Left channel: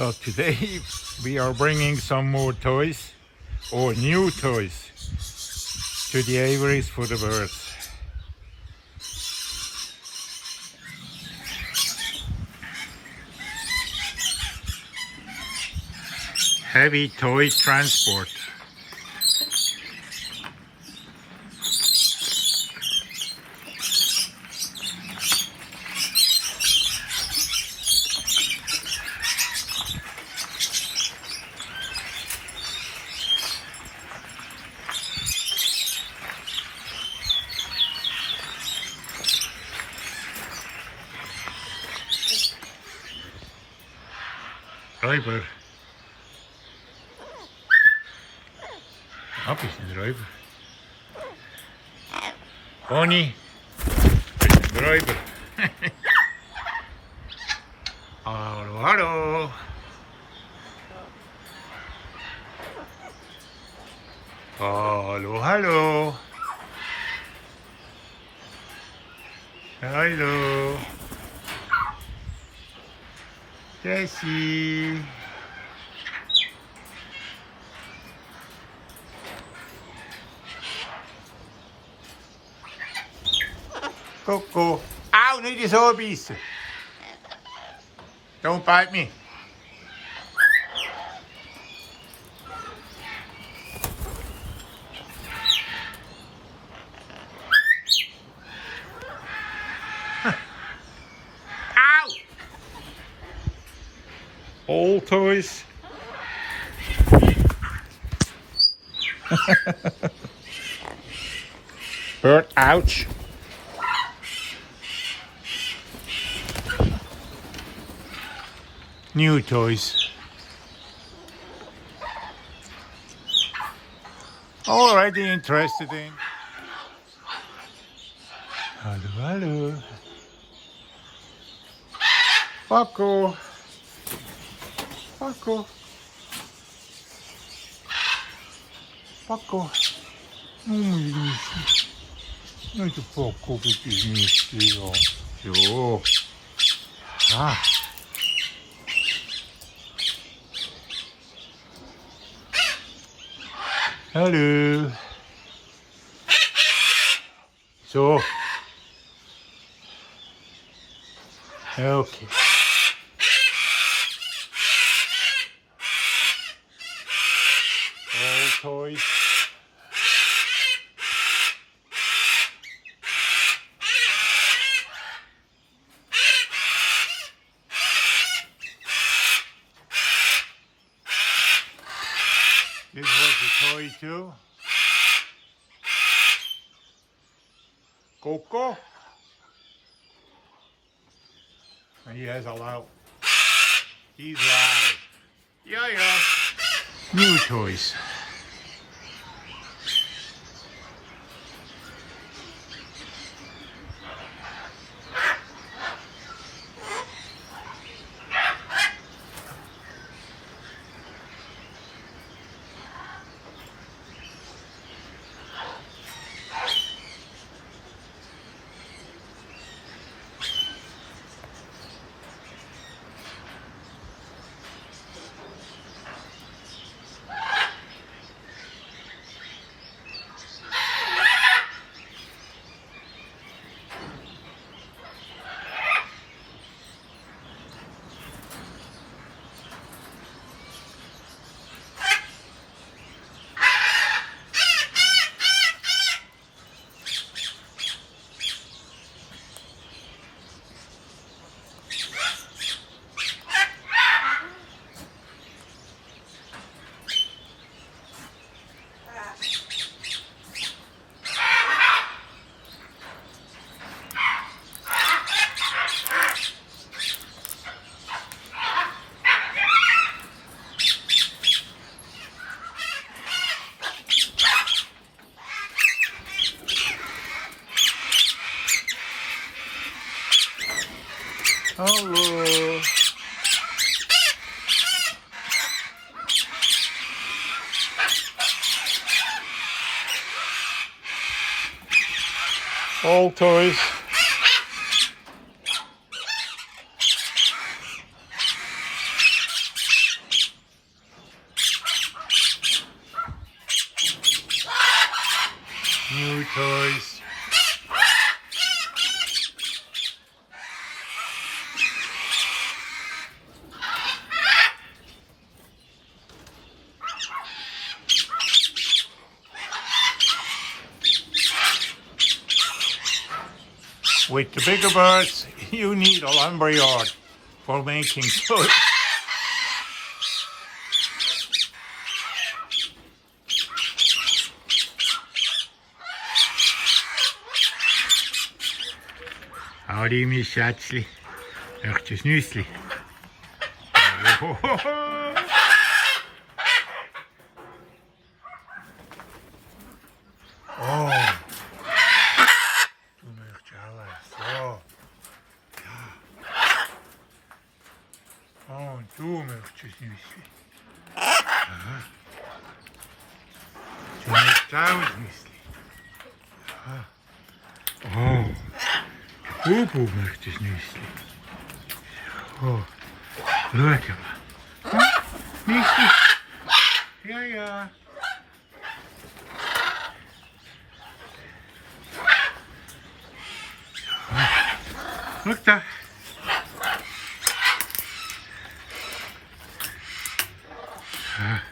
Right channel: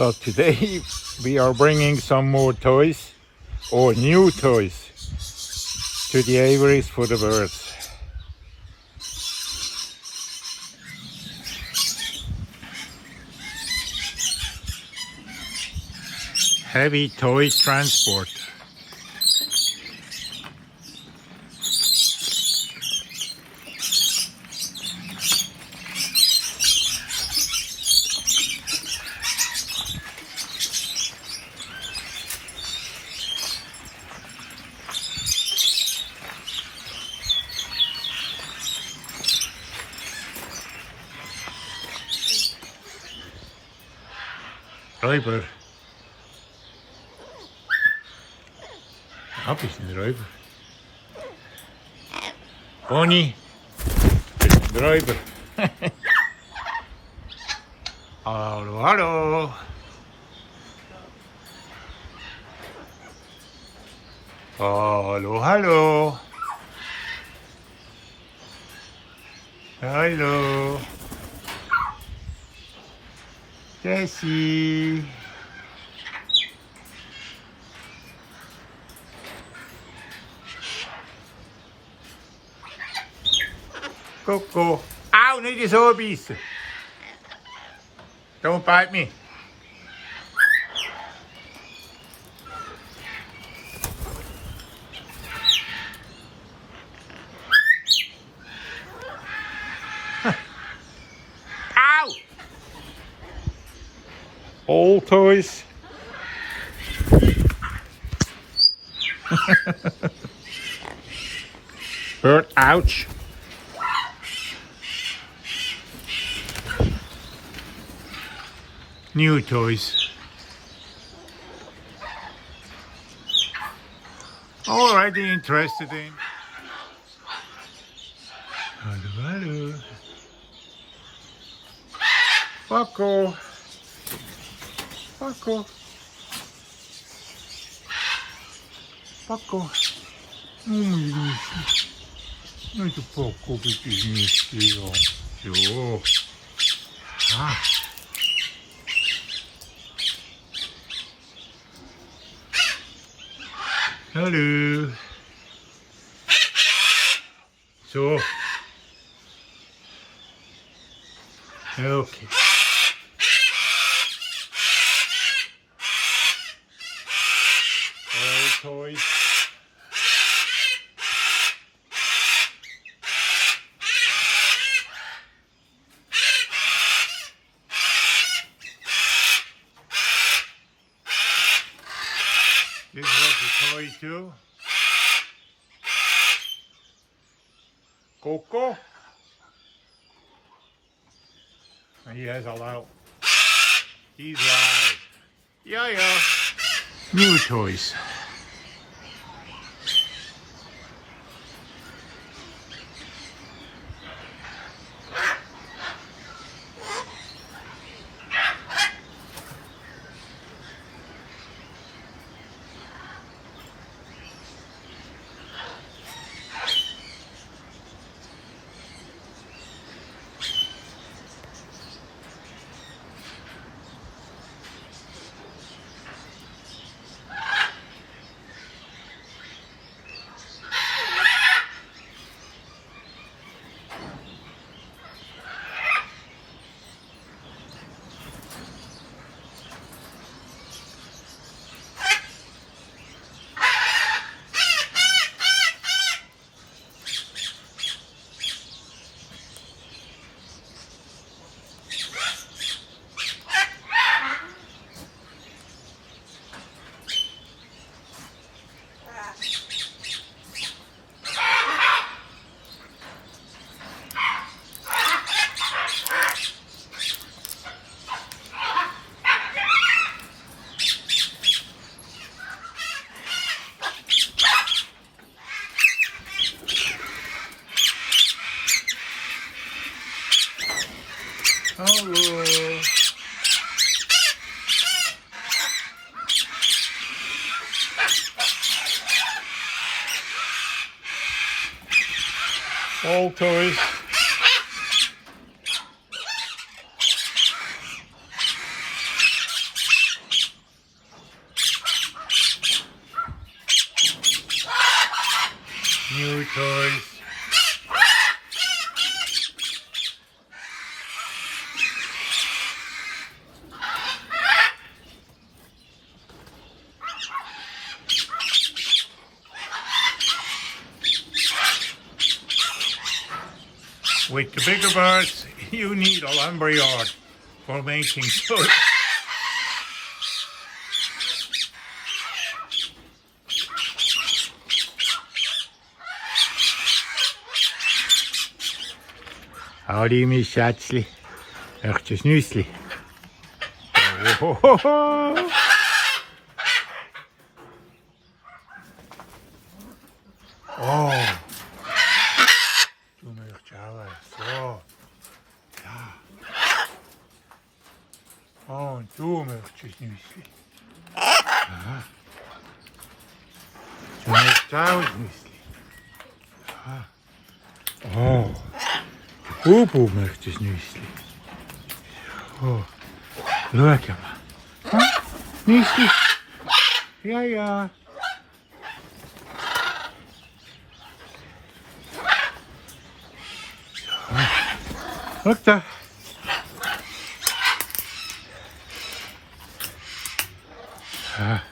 So today we are bringing some more toys or new toys to the aviaries for the birds. Heavy toy transport. Räuber. Hab ich einen Räuber? Bonnie, bist ein Räuber? Hallo, hallo. Hallo, hallo. Hallo. Jessie. Coco. Ow, niet eens oorbiesten. Don't bite me. Ow! All toys. Bird, ouch. New toys. Already interested in. Hallo, hallo. Paco. Paco. Paco. Oh, my goodness. Not a Paco, but it's misty. Zo. Ah. Hallo. Zo. Okay. All toys. This was a toy too. Coco. And he has a loud. He's loud. Yeah, yeah. New toys. Hallo. All toys. New toys. With the bigger birds, you need a lumberyard for making toys. Howdy, Miss Schatzli. Echt een snuisli. Oh. Toen echt jou zo. Ja. Oh, toen echt een snuisli. Ja. Toen echt jou snuisli. Ja. Oh. Poepoe möchte ich nicht. Oh, schau mal. Hm? Nicht? Ja, ja. Guck da. Ja.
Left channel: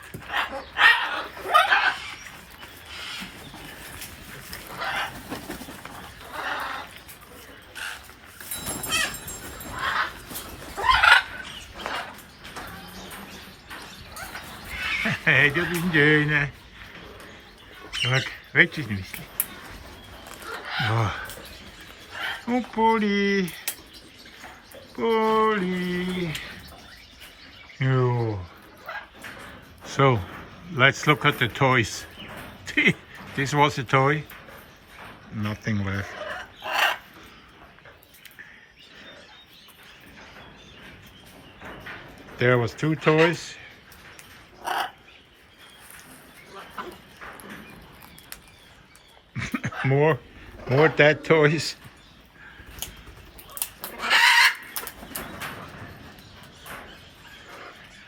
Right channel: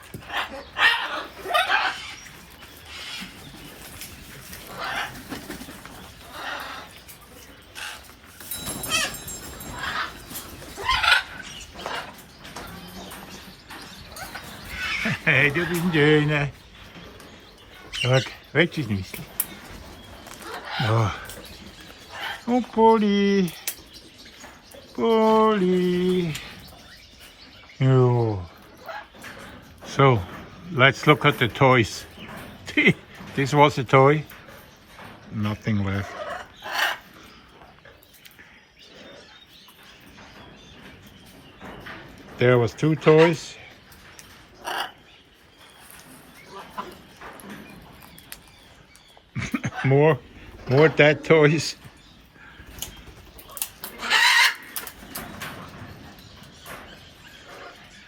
Hey, dat is een schöne. Kijk, weet je niet. Oh. Oh, Polly. Polly. Oh. So, let's look at the toys. This was a toy. Nothing left. There was 2 toys. More dead toys.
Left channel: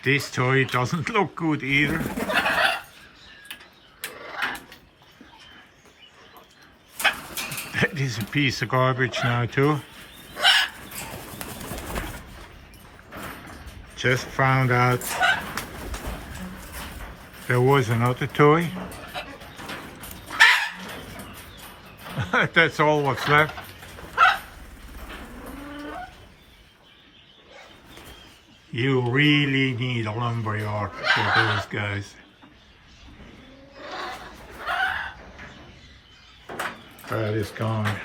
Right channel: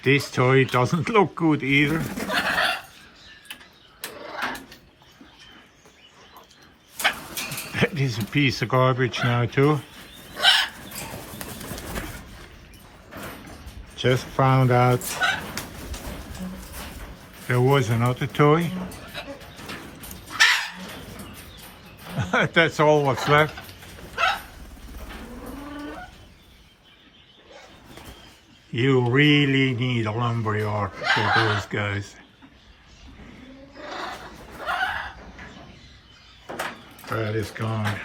This toy doesn't look good either. That is a piece of garbage now too. Just found out there was another toy. That's all what's left. You really need a lumberyard for those guys. That is gone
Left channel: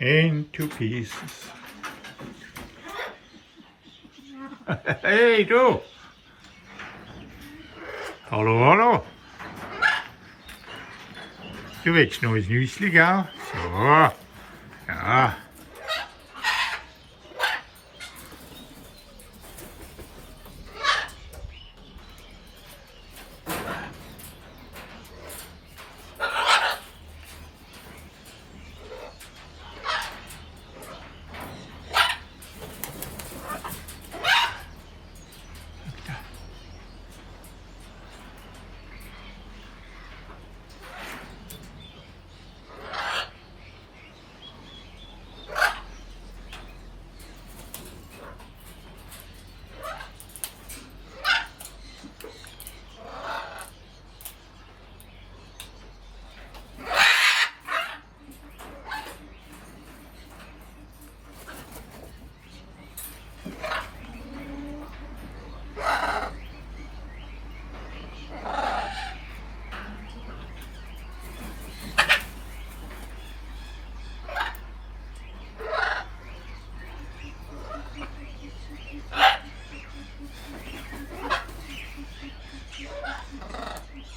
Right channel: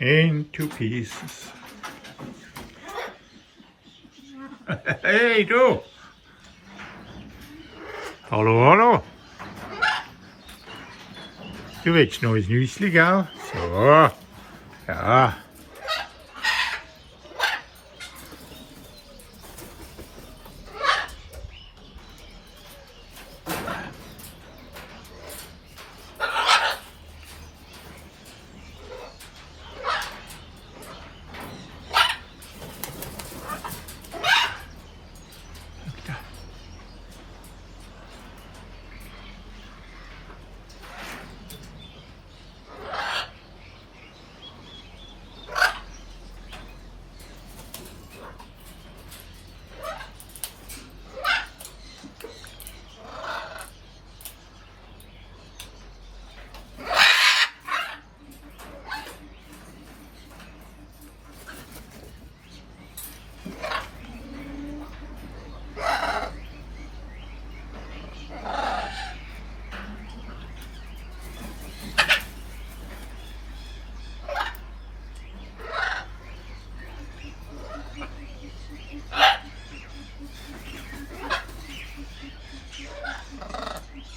into pieces. Hey, du! Hallo, hallo! Du willst noch ein Nüssli, gell? So, ja.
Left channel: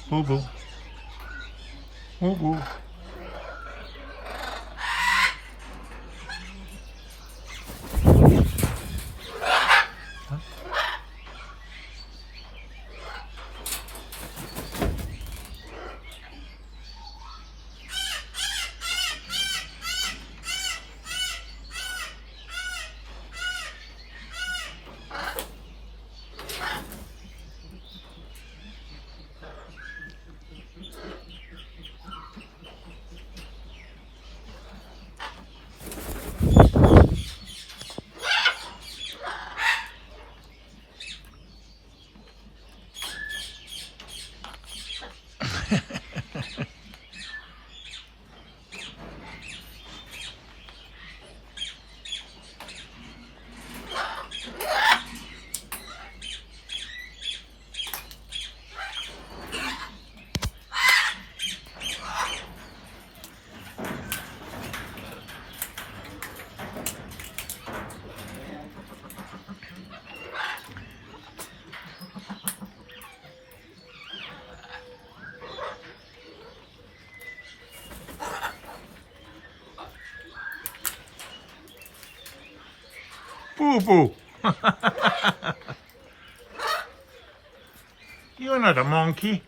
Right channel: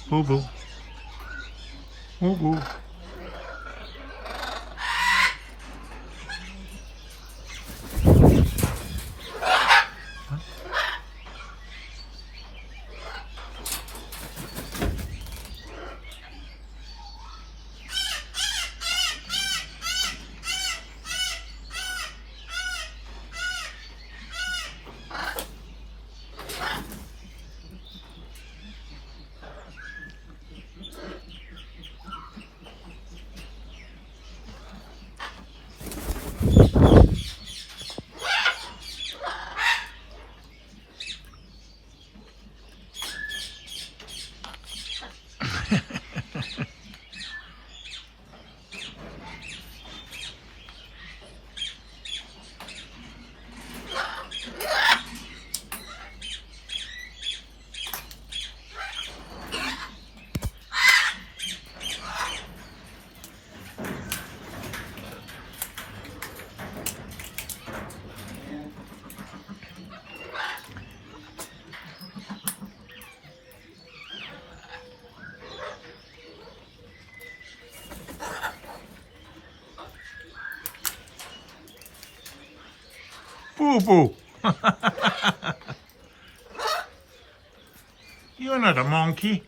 Boo boo. Boo boo. Boo boo. You're not a monkey.